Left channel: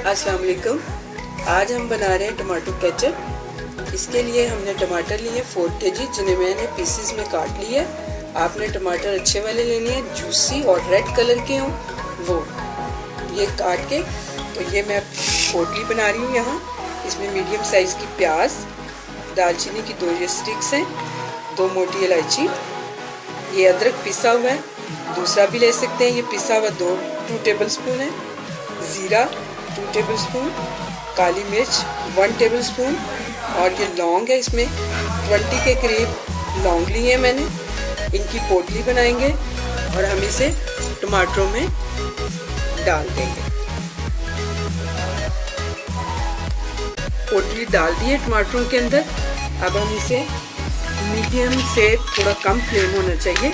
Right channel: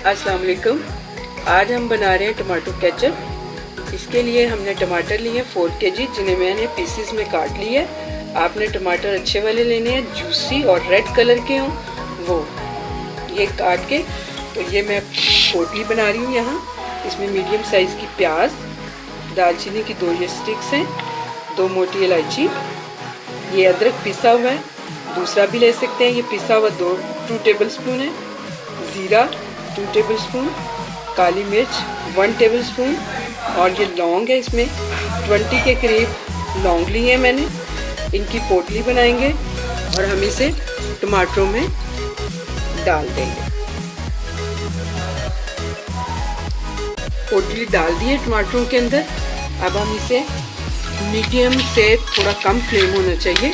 अस्सलाम वालेकुम। आज हम बना रहे हैं टमाटो केचप। इसके लिए हमने टमाटर लिए 4 kg, जिन्हें मैंने पीसीस में काट लिया। आपने टमाटर अच्छे वाले लेने हैं, जूसी और रेड कलर के हों वो। ये काट के तो ये मैं पोटली बना रही हूँ यहाँ। इसमें मीडियम साइज़ की प्याज, दालचीनी की 2 ये स्टिक्स हैं, 2 मोटी इलायची, ये अदरक पिसा हुआ है, दूसरा भी ले सकते हैं। ये पिसा हुआ 2 टेबलस्पून है, ज़ीरा 2 टेबलस्पून, काली मिर्च 1 टेबलस्पून, और ये लौंग है, इसमें 20 के करीब लौंग लिए हैं मैंने। इनकी पोटली बनाएंगे और हम इसे टमाटरों में डाल देंगे। पोटली डाल दी है टमाटरों के अंदर। अब हम इसे मीडियम से थोड़ा कम फ्लेम होना चाहिए,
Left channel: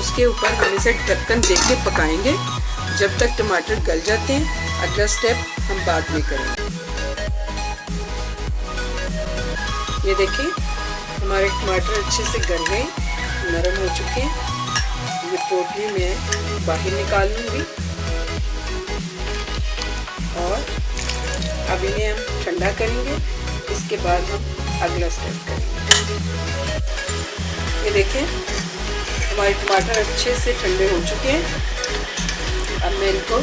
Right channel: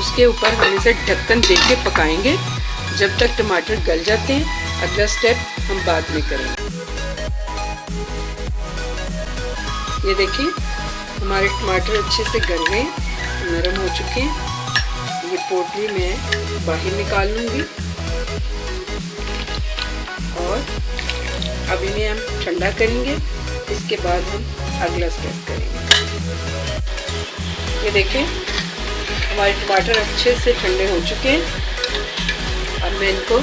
उसके ऊपर हम इसे ढक्कन दे के पकाएंगे जब तक टमाटर गल जाते हैं। अगला स्टेप हम बाद में करेंगे। ये देखिए हमारे टमाटर अच्छे से गल गए, नरम हो चुके हैं। ये पोटली मैं बाहर निकाल लूँगी और अब इन्हें हम ठंडा करेंगे। इसके बाद हम अगला स्टेप करेंगे। ये देखें हमारे टमाटर अच्छे से ठंडे हो चुके हैं। अब मैं इनको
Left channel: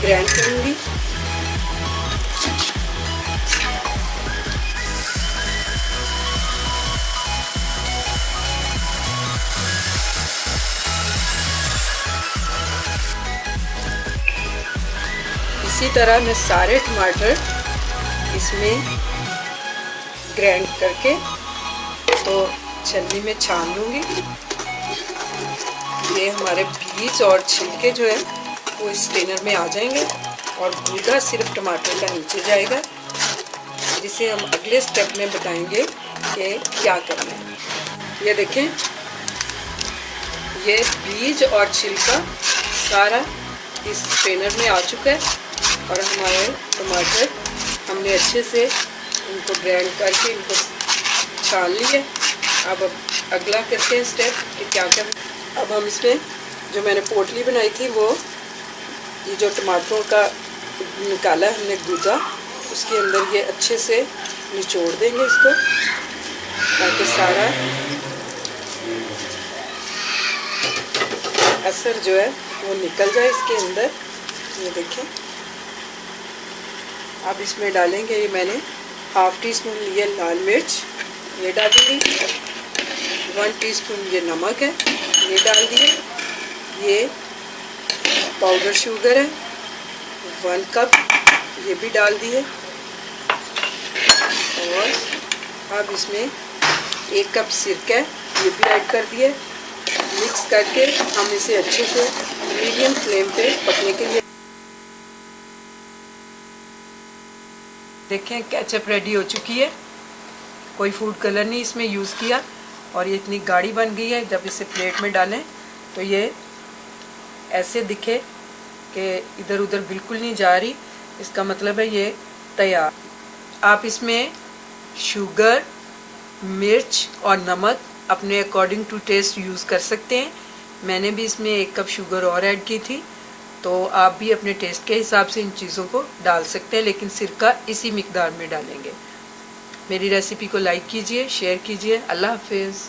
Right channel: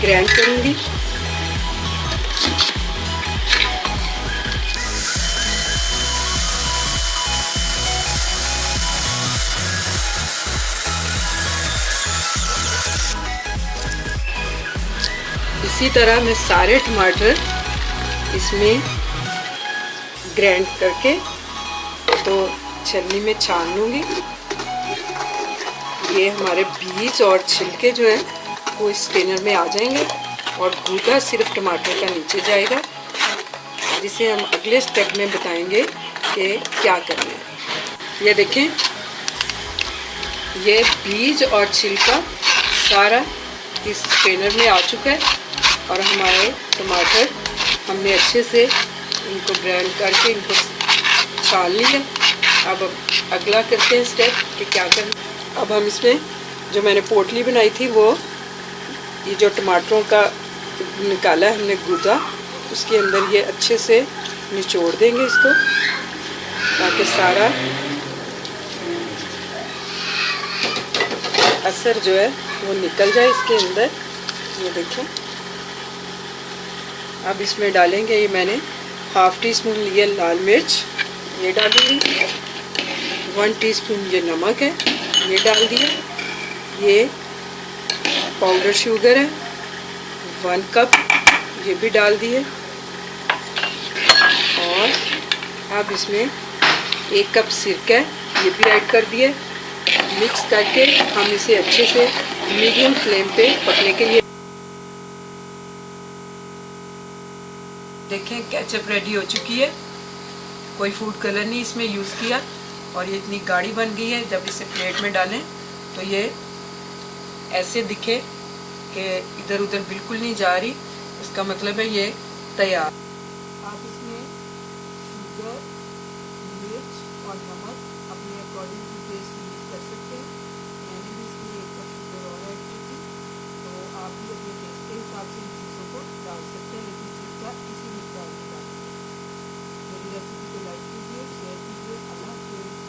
ग्राइंड करूंगी। इसी तरह मैं सारे टमाटर इसमें ग्राइंड करके तो छलनी में छान लूँगी। ये हमारे बीज और छिलके जो है वो स्ट्रेनर में आ जाएंगे और गूदा सिर्फ टमाटर का नीचे जाएगा, जिसे हम अगले स्टेप में बताएंगे कि क्या करना है। ये देखें ये बीज और छिलका सारा इस स्ट्रेनर में आ चुका है और हमारे टमाटर हमने अच्छे से इनको ग्राइंड करके इनको छान लिए। अब अगला करते हैं स्टेप कि क्या करना। अब हम इसमें जो मैंने पोटली बनाई थी वो ये जो टमाटरों का निकाला है हमने गूदा, उसके अंदर ये अच्छे से निचोड़ देंगे इसको, ताकि सारा असर जो है वो निकल जाए इसके अंदर। ये देखें अब इसमें डालेंगे, ये मैंने ½ टीस्पून लिया लाल मिर्च, ये डालूंगी। 1 टीस्पून ये नमक है, ये डाल दिए। ये पाउडर शुगर है 1 कप, ये भी डाल दिए। और अब इसमें 1 कप सिरका है, ये भी ऐड कर दिए। मिक्स करके हम इसे अच्छे से मीडियम फ्लेम पे पकने के लिए देखें। केचप रेडी हो चुकी है, कोई फूड कलर नहीं इसमें यूज़ किया और ये इतनी गाढ़ी बन गई है। जब इसे प्लेट में डालें तो ये ऐसे दिखे कि इधर उधर बिल्कुल नहीं जा रही, इसका मतलब है ये तैयार। आप इसमें शुगर, मिर्च और नमक अपने अकॉर्डिंग टू टेस्ट यूज़ कर सकते हैं। मैंने भी इसमें 1 कप शुगर और ऐड की थी, तो आप भी अपने टेस्ट के हिसाब से इन चीज़ों को डाल सकते हैं, लेकिन सिरका इसी मिकदार में डालेंगे। मेरी रेसिपी को लाइक कीजिए, शेयर कीजिए। अल्लाह हाफिज़।